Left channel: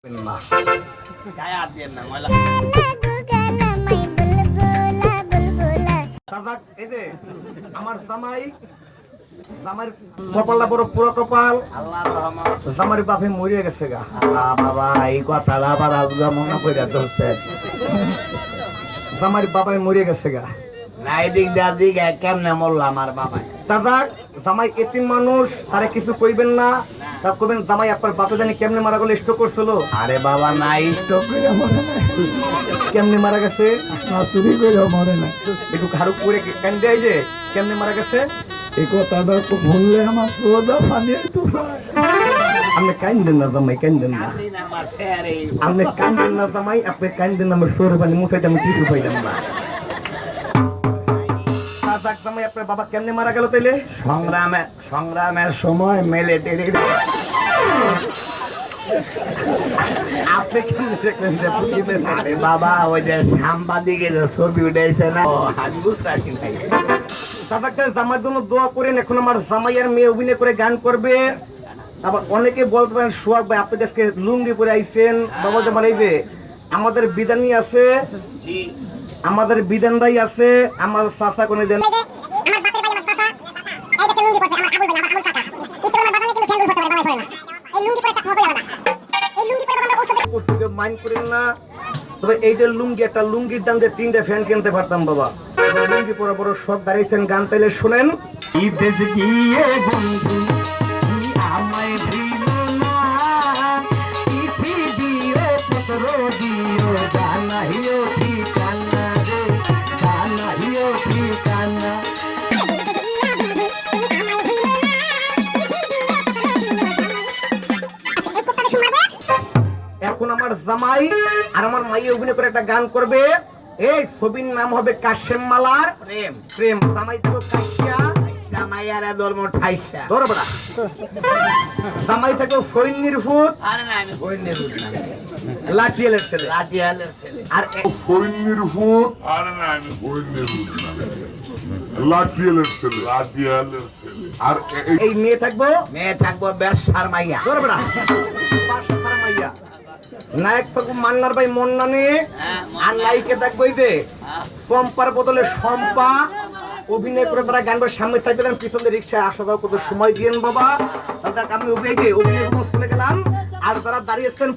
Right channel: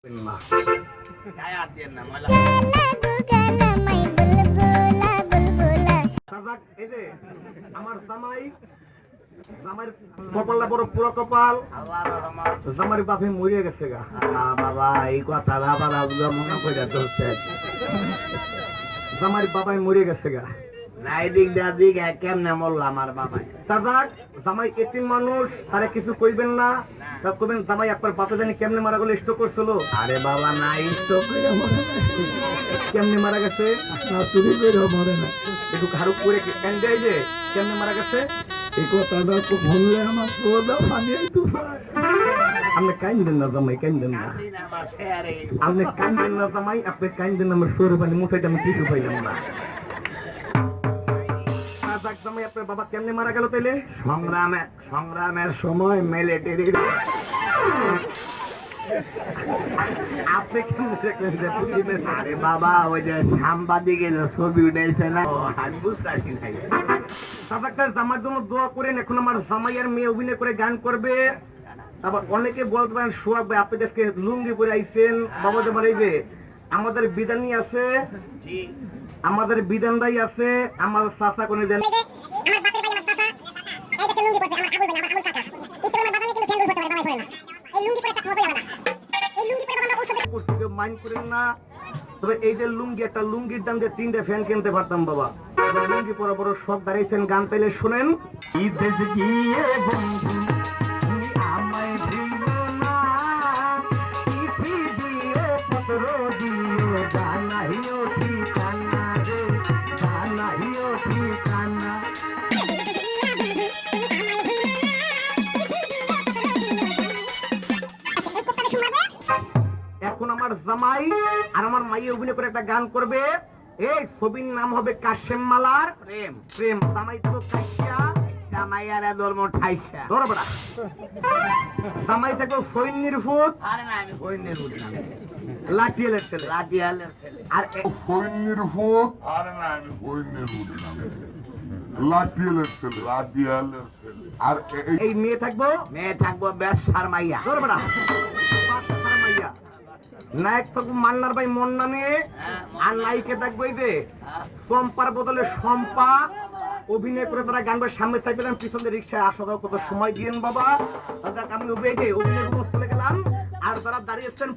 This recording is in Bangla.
আমার জামাই জামার কপালটা বড় পুরো কপাল, জামার বাপে মরিয়ে গেছে গা। বাবা এই কথা আবার আজকে মনে করে ধরছে, জামার বাবাই মরিয়ে গেছে গা। কেমনে মরল আমার বাবাই? দাদা জামাই এতিম মানুষ, তারা কিছু কইবেন না, তা কবেন জামাই আপনার বাপে জানি কেমনে মারা গেল, স্ট্রোক করছিল? আরে বাবা না, স্ট্রোক করে মরে না। কেমনে মারা গেছে? চুরি করে মরে না, একটু ঘাড়ু করে কেন দেয় যে কেমনে মারা গেছে এই কথাটা তো বললে আমার সোজা পানি একটু। আপনি কান্দেন না জামাই, কান্দেন না, আপনি কান্দেন না জামাই, আপনি কান্দেন না, আমার সোরে পানি মুখাইতে আমি কিছু পাইলাম না। আপনার বাবা কেমনে মারা গেল তাইলে? সংগ্রামের সময় মিলিটারি। আপনি কি দেখলেন যে বাবা ওই যে সাংবাদিকের ছবি উঠাইছে না, বুঝতে পারছি ভাই। দাদা জামার জন্য দোয়া করেন, এখন আমার জামাইয়ের মেয়ে অভিনয় করে গান করবে। আবার অনেকে বলতে পারেন সোহাগ ভাই আপনি আজকে লুঙ্গি করে আইছেন, বাবা জামার এই যে আমাদের বিধানী আছে, আমাদের বিধানদাই আছে, আমার চাচা কোনে দেন মাইন্ড করেন না। তবে এই যে লুঙ্গি, একটা লুঙ্গির দাম যে 3টে ফ্যান কিনতে পারতাম বাবা। লুঙ্গি পরে বড় শখ দাঁড়িয়েছেন, গান তাইলে শোনেন। এখন আমার জামাই আর আমার মাই অভিনয় করে একটা গান করবে, এই ছবির নাম হবে কাশেম মালার প্রেম। প্রেম জামাই তো কাইসা, জামাইয়ার ধর্ম ঠাইসা ধরবড়া, জামাই থেকে সৈন্যের ফুট। আরে না আমি সৈন্যের ফুট না, লাঠিয়ালের ছেলে, লাঠিয়ালের ছেলে। আর সৈন্যের ফুট। আরে না আমি সৈন্যের ফুট না, লাঠিয়ালের ছেলে, লাঠিয়ালের ছেলে। আর এই মেয়ে থাকবো বেশার মাইয়া ধরবড়া, বেশার মাইয়া। নায়ক থাকবো মান্নার ভাই মন্নানে, আর নায়িকা থাকবো এই যে সম্পার বদলে সম্পা। অভিনয় করে তারা গান করে সামনে চাইছিলাম, পিছনে রিক্সায় আসা যাওয়া কত সময় দিয়েন বাবা। দাদা আমি অভিনয় চলে গেলাম, আর যারা দাঁড়িয়েছেন